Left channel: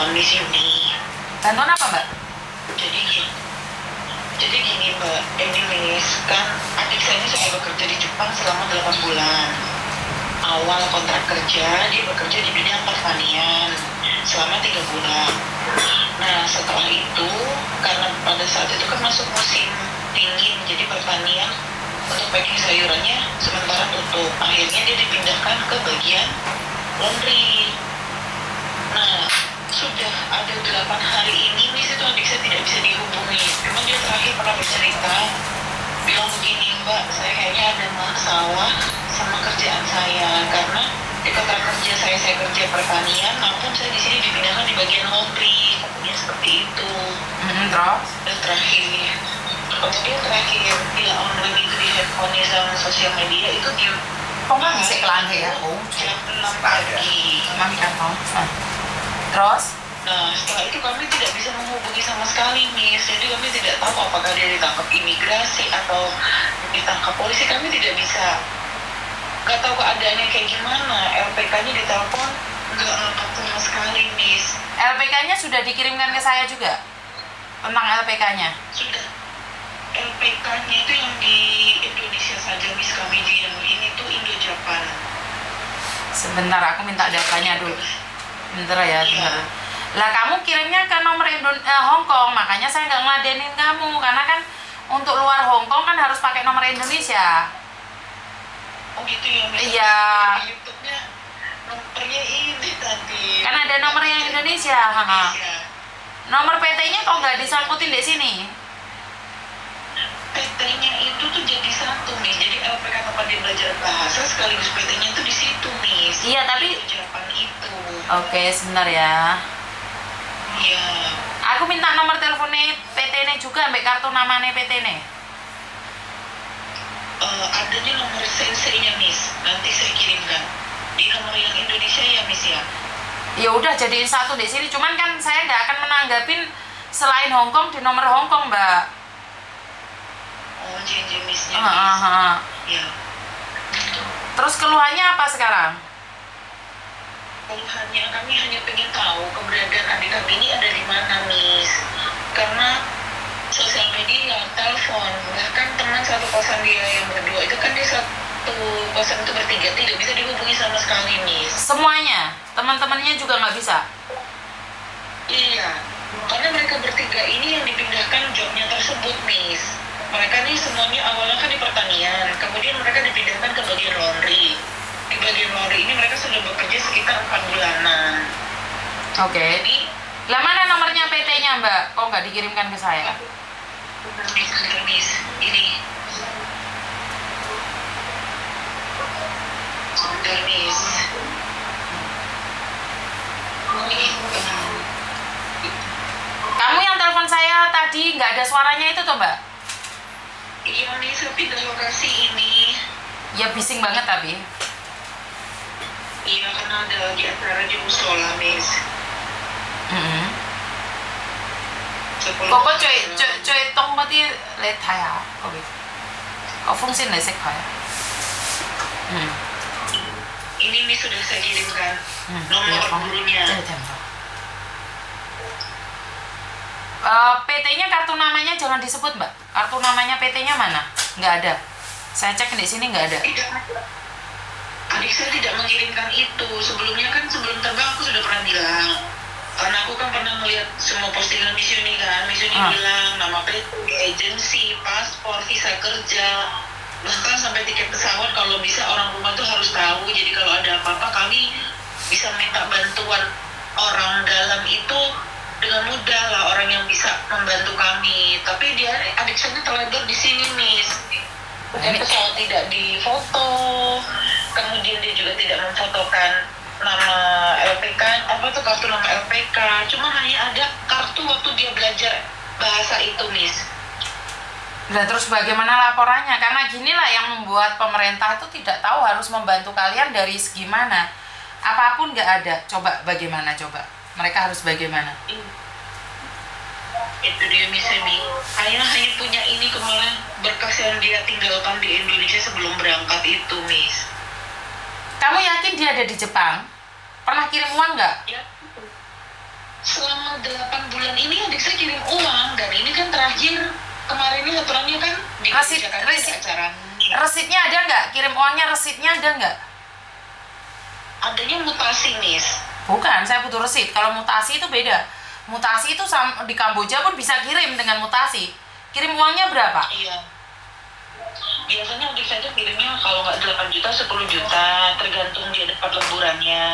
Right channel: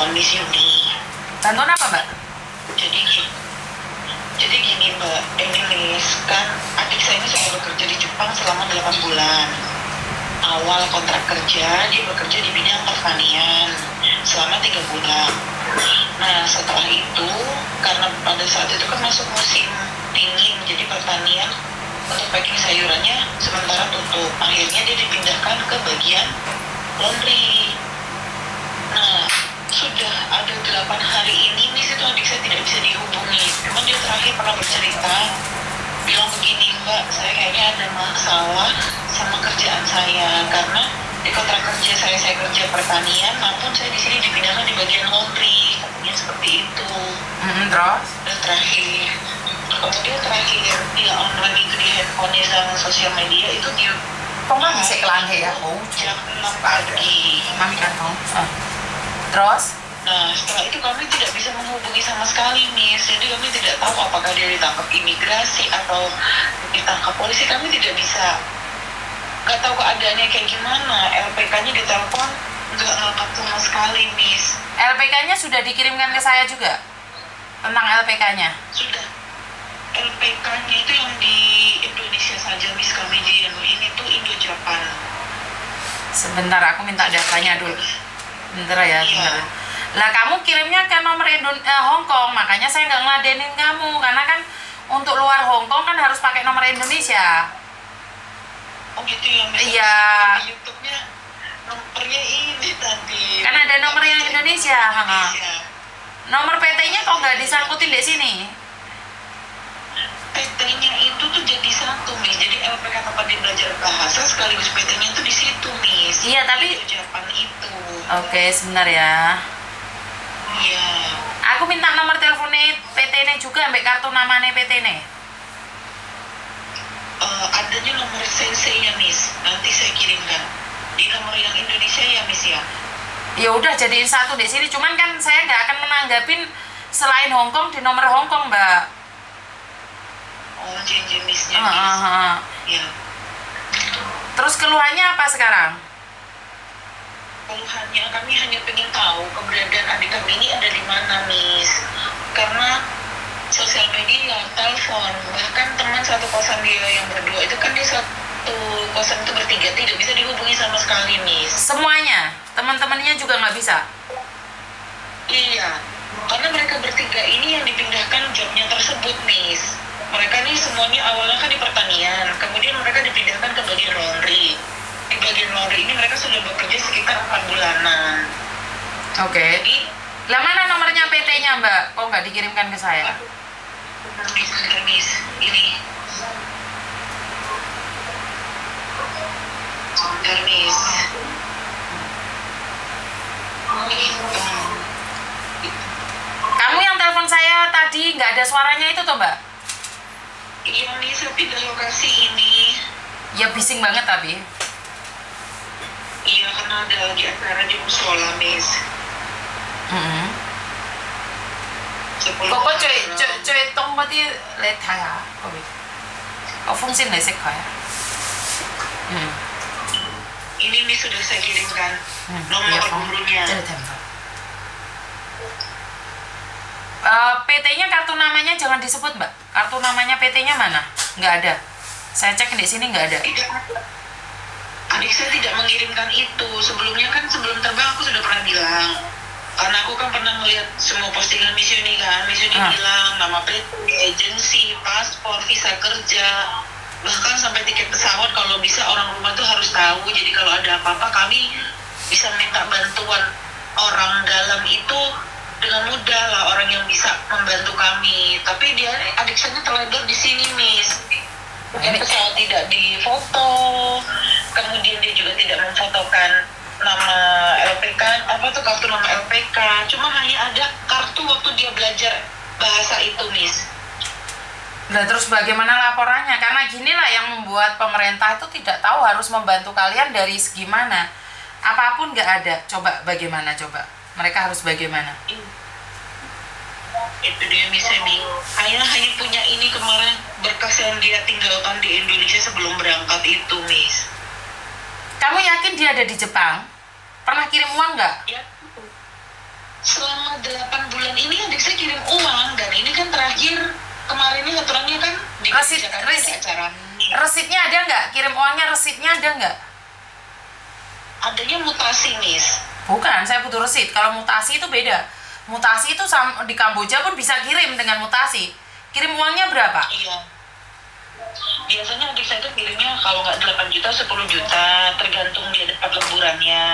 bantuan Miss Yuni. Bantuan apa, Mbak? Jadi gini Mbak, ini Miss, kan adik saya ini sudah bekerja di Jepang selama 8 bulan. Awal kontrak kerja, dia bekerja di bidang pertanian selama 3 bulan. Nah, setelah itu, karena pada saat itu kan masuk musim dingin, jadi pertanian untuk packing sayurannya sementara tutup. Akhirnya dia dipindahkan ke bagian laundry. Nah, sudah ada 8 hari ini, Miss, itu adik saya tidak bisa dihubungi. Memang dia terakhir pernah bercerita, bilang begini, Mbak, saya kayaknya ada masalah sama kerjaan saya, karena di kontrak kerja saya kerja pertanian, namun saya di sini dipindahkan di bagian laundry, katanya seperti itu. Terus? Dan kemudian terakhir dia online itu di handphone sama sosial media itu dia Kok nggak bisa kelang ya? Oh, jam 6 pagi. mami kan mau. Terus? Nah, setelah itu kami tidak bisa menghubungi sama sekali, Miss. Jadi kami tidak tahu apakah dia ditangkap imigrasi atau ditangkap polisi. Kami tidak bisa. Gak tahu keadaannya kayak gimana. LPK-nya ditelepon, nggak ngangkat sama sekali, Miss. LPK-nya sudah dikirimkan ke saya juga? Tentang LPK-nya? Sudah. LPK-nya itu yang di Indonesia saja, Miss. Kami di ini tuh Indo-Japan. Sebentar, aku minta datanya dulu. Bentar ya, bentar. Lah kamu kirimnya ke nomor Hong Kong, makanya saya nggak ngeladenin kamu. Karena kan untuk luar Hong Kong kan harus pakai nomor Indonesia. Oh gitu ya, Miss. Iya. Di YouTube-nya nomornya ini tadi. Kan ada nomor yang Indonesia. Nomor PT-nya kok nggak disangkutin di sini? PT-nya itu tuh jadi satu, Miss. Jadi LPK tempat dia belajar bahasa sekaligus PT-nya itu di situ, Miss. Iya, tapi di Japan itu. Oke, sebentar ya. Iya. Aku minta nomor teleponnya PT-nya juga, ambek kartu namanya PT-nya. Adanya nomor sensei-nya, Miss. Nanti saya kirimkan. Di nomor yang Indonesia ya, Miss ya. Ya udah jadiin satu di sini. Cuman kan saya nggak akan menanggapin selain Hong Kong di nomor Hong Kong, Mbak. Oh, jenisnya, Miss. Ya. Terus keluhannya apa sekarang? Keluhannya kami hanya pengen tahu keberadaan adik kami ini ada di mana, Miss. Karena sosial media, telepon, bahkan teman satu kosan dia yang berdua itu kan dia satu kosan itu bertiga tidak bisa dihubungi sama sekali, Miss. Semuanya? Teman-temannya juga nggak bisa? Iya, karena mereka bertiga ini yang dipindahkan jobnya tersebut, Miss. Mereka nih semuanya awalnya kan di pertanian, kemudian mereka dipindahkan ke bagian laundry. Di bagian laundry ini mereka sudah bekerja sekitar 4 bulanan. Oke. Jadi, Lah mana nomornya PT-nya, Mbak? Kok nggak dikirimkan ke saya? Miss, ini. Sebentar, Miss. Kamu yang telepon saya tadi nggak ada suaranya itu toh, Mbak? Iya, Miss, saya pindah lokasi ini. Ya bising banget tapi. Iya, karena ada lagi acara di musola, Miss. Cô có最東嗰啲你睇下嗰邊個風扇你識佢啊Ini Miss sudah saya kirimkan nomor iya gurunya. PT-nya kartu namanya jangan disebut, Mbak. Kartu namanya PT-nya mana? Nggak ada. Saya cek di sini nggak ada. Tidak. Adik saya tidak mengirimkan itu. Sebelumnya kan sebelum terbang aku sudah pernah bilang. Karena aku kan pernah melihat semua postingan Miss Yuni kan. Miss Yuni bilang nama PT, agensi, paspor, visa kerja, bahkan sampai tiket pesawat kalau bisa orang rumah tuh harus tahu. Jadi kalau ada apa-apa kami bisa minta bantuan orang dalam itu dengan mudah lah, orang yang bisa membantu kami. Tapi dia adik saya terledor di sini, Miss. Pesawat tidak difoto, kemudian dia juga tidak memfotokan nama LPK, apa tuh kartu nama LPK. Cuma hanya ada kartu waktu dia belajar bahasa itu, Miss. Nah terus bagaimana laporannya? Karena ginilah yang membuat pemerintah itu tidak tahu harus membantu kalian dari segi mana. Apapun nggak ada. Coba bagaimana coba? Mereka harus bagaimana? Itu dia, Miss Emi. Hanya punya ini kemarin berkas yang dia tinggalkan di Indonesia sebelum berangkat itu, Miss. Kamu yakin dia ada di Jepang? Pernah kirim uang nggak? Ya. selama 8 bulan ini adik saya kirim uang, dan ini kan terakhir kemarin ini aturannya kan di Jakarta ada acara. Resitnya ada nggak? Kirim uangnya resitnya ada nggak? Adanya mutasi, Miss. Bukan, saya butuh resit. Kalau mutasi itu beda. Mutasi itu di Kamboja pun bisa kirim dengan mutasi. Kirim uangnya berapa? Iya. Biasanya adik saya itu kirimnya kalau nggak 8 juta, 10 juta, tergantung dia dapat lemburannya.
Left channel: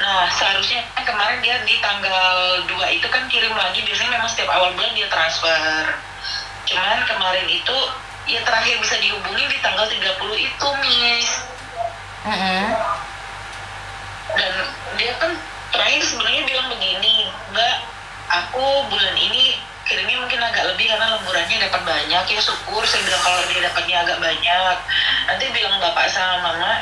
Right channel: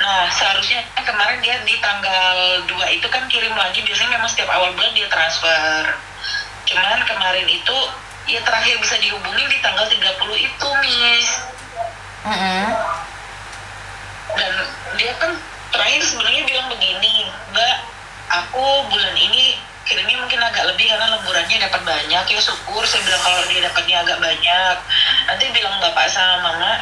Nah, seharusnya kemarin dia di tanggal 2 itu kan kirim lagi, biasanya memang setiap awal bulan dia transfer. Cuman kemarin itu, ya terakhir bisa dihubungi di tanggal 30 itu, Miss. Dan dia kan terakhir sebenarnya bilang begini, Mbak, aku bulan ini kirimnya mungkin agak lebih karena lemburannya dapat banyak, ya syukur. Saya bilang kalau dia dapatnya agak banyak, nanti bilang bapak sama mama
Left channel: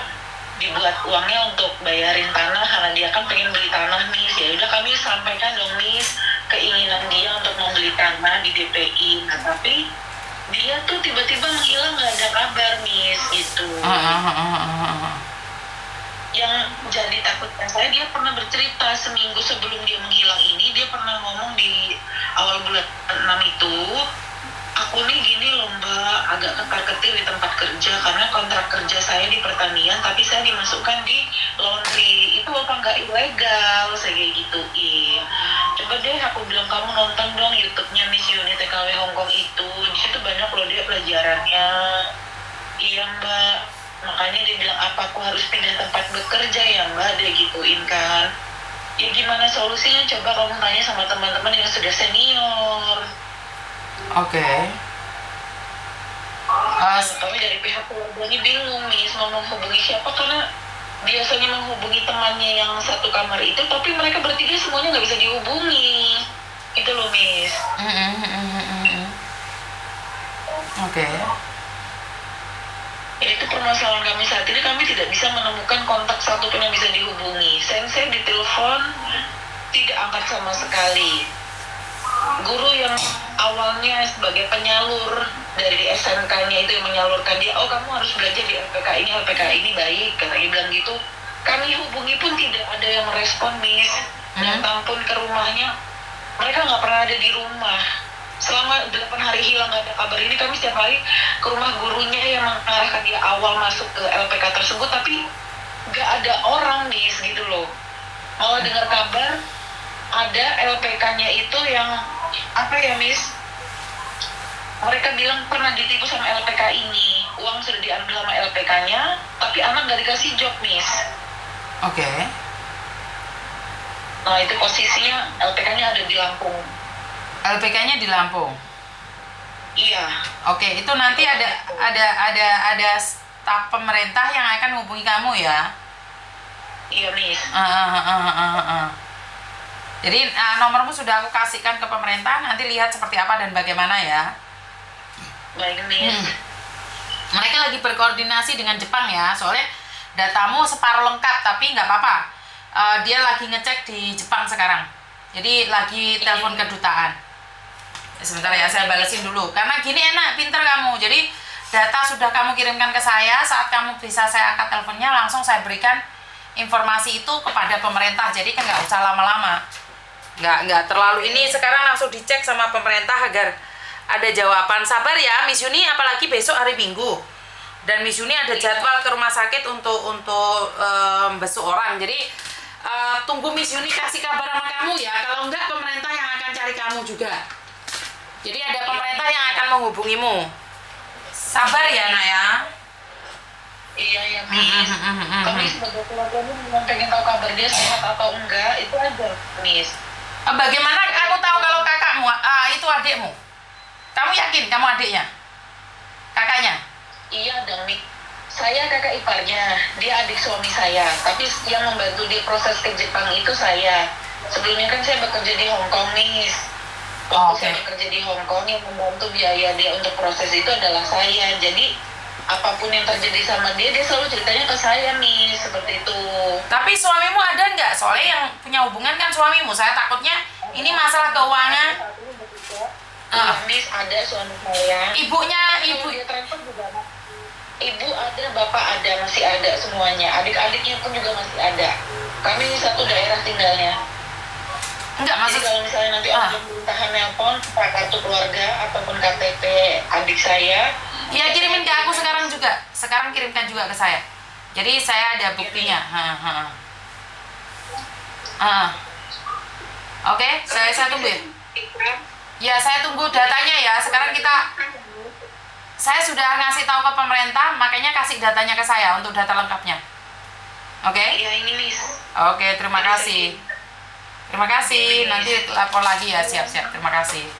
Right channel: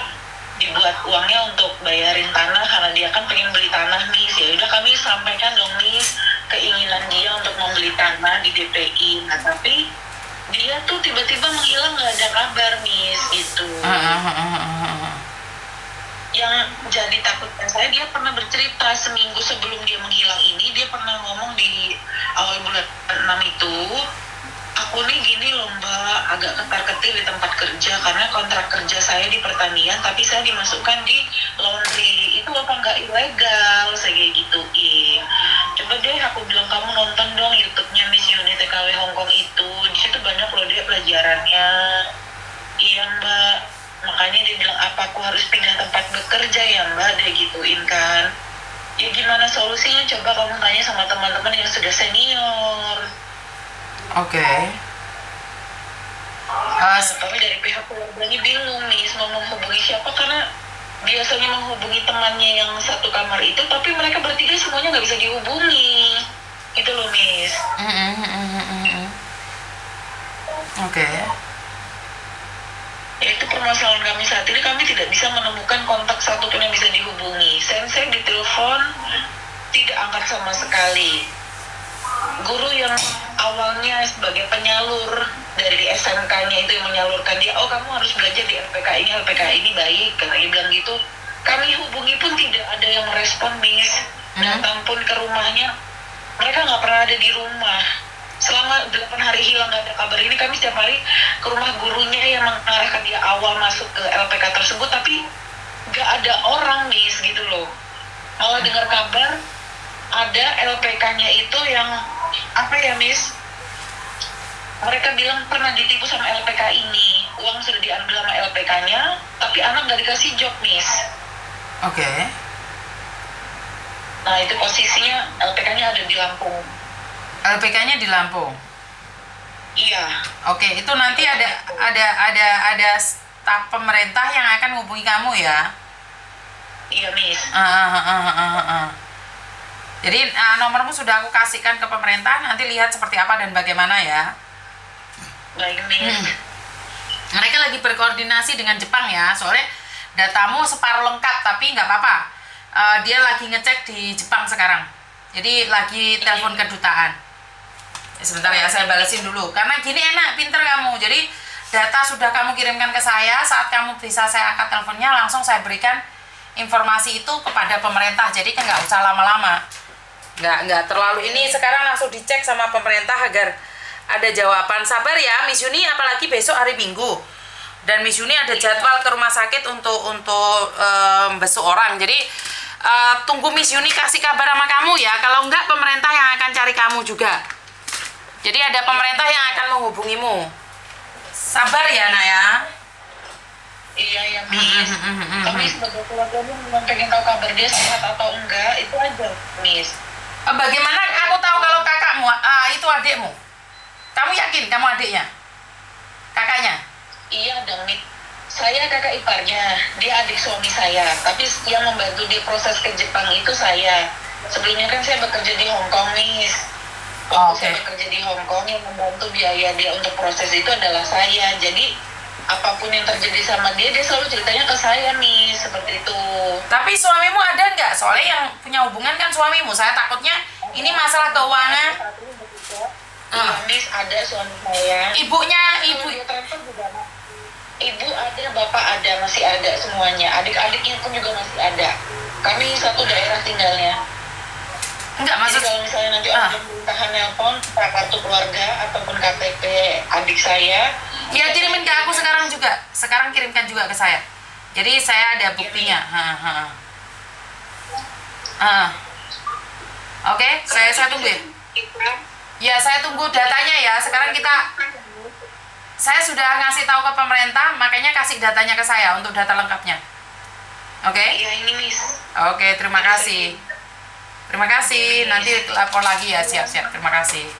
dibuat uangnya untuk bayarin tanah karena dia kan pengen beli tanah, Miss. Ya udah kami sampaikan dong, Miss, keinginan dia untuk membeli tanah di DPI. Nah tapi dia tuh tiba-tiba menghilang, nggak ada kabar, Miss, gitu. Yang jadi takutnya saya, dia pernah bercerita seminggu sebelum dia menghilang ini, dia pernah ngomong di awal bulan 6 itu, aku nih gini loh Mbak, agak ketar-ketir di tempat kerja karena kontrak kerja saya di pertanian tapi saya dimasukkan di laundry. Itu apa nggak ilegal? Saya kayak gituin. Coba deh aku bilang, kamu nonton dong YouTube-nya Miss Yuni TKW Hongkong itu, di situ banyak loh dia pelajarannya. Iya Mbak, makanya dia bilang, apa aku harus pindah tempat bekerja ya Mbak, dia gituin kan. Ya gimana solusinya, coba kamu tanya sama teman-teman yang sudah senior. Oke. Kami dari pihak keluarganya bingung nih mau menghubungi siapa, karena biasanya menghubungi temannya yang satu kamar itu, tapi mereka bertiga semuanya nggak bisa dihubungi gitu loh, Miss. Oke. Ya, itu permasalahan kami saat ini, kami tidak bisa menemukan kontak satupun yang bisa dihubungi. Sensei ditelepon tidak angkat sama sekali. Guru yang awalnya sebagai penyalur dari SMK-nya itu yang menyalurkan dia, oh kamu harus belajar di LPK ini baik, katanya bilang gitu. Kami hubungi pun tidak ada yang merespon, Miss. Datang pun ke rumahnya, mereka nggak pernah ada di rumah. Selama 8 hari hilang nggak ada kabar ini, kami setiap hari ke rumah gurunya yang mengarahkan dia awal masuk ke LPK tersebut, tapi nggak ada orang, Miss, gitu loh. Malah dengar kabar ada LPK-nya itu yang apa ya, Miss? Mereka bilang pernah ditipu sama LPK ini, uang sudah diambil sama LPK-nya, tapi anak nggak dikasih job, Miss. Oke. Nah itu posisinya LPK-nya ada di Lampung. LPK-nya di Lampung. Iya. Oke, itu nanti ada staf pemerintah yang akan hubungi kamu ya. Iya, Miss. Jadi nomormu sudah aku kasihkan ke pemerintah, nanti lihat seperti apa dan bagaimana ya. Baik, Miss. Mereka lagi berkoordinasi dengan Jepang ya, soalnya datamu separuh lengkap, tapi nggak apa-apa. Dia lagi ngecek di Jepang sekarang, jadi lagi telepon kedutaan. Sebentar ya, saya balesin dulu. Karena gini enak, pinter kamu. Jadi data sudah kamu kirimkan ke saya, saat kamu bisa saya angkat teleponnya, langsung saya berikan informasi itu kepada pemerintah. Jadi kan nggak usah lama-lama. Nggak terlalu ini, sekarang langsung dicek sama pemerintah agar ada jawaban. Sabar ya Miss Yuni, apalagi besok hari Minggu. Dan Miss Yuni ada jadwal ke rumah sakit untuk besok orang. Jadi tunggu Miss Yuni kasih kabar sama kamu ya. Kalau enggak, pemerintah yang akan cari kamu juga. Jadi ada pemerintah yang akan menghubungimu. Sabar ya nak ya. Iya ya, Miss. Tapi sebagai keluarganya memang pengen tahu kabar dia sehat atau enggak, itu aja, Miss. Bagaimana aku tahu kalau kakakmu itu adikmu? Kamu yakin kamu adiknya? Kakaknya? Iya dong, Miss. Saya kakak iparnya, dia adik suami saya. Tapi yang membantu dia proses ke Jepang itu saya. Sebelumnya kan saya bekerja di Hong Kong, Miss. Waktu saya bekerja di Hong Kong, yang membantu biaya dia untuk proses itu adalah saya. Jadi apapun yang terjadi sama dia selalu ceritanya ke saya, nih, seperti itu. Tapi suamimu ada nggak? Soalnya yang punya hubungan kan suamimu. Saya takutnya ini masalah keuangan. Miss, ada suami saya. Ibunya, ibu ada, bapak ada, masih ada semuanya. Adik-adiknya pun juga masih ada. Kami satu daerah tinggalnya. Enggak, Jadi maksud kalau misalnya nanti Ah. orang berusaha nelpon kartu keluarga ataupun KTP adik saya, ya kirimkan ke aku sekarang juga. Sekarang kirimkan juga ke saya. Jadi saya ada buktinya. Oke, saya tunggu ya. Ya, saya tunggu datanya ya. Sekarang saya sudah ngasih tahu ke pemerintah, makanya kasih datanya ke saya untuk data lengkapnya. Oke? Ya ini Miss. Oke, terima kasih. Terima kasih. Nanti lapor lagi ya, siap-siap. Terima kasih.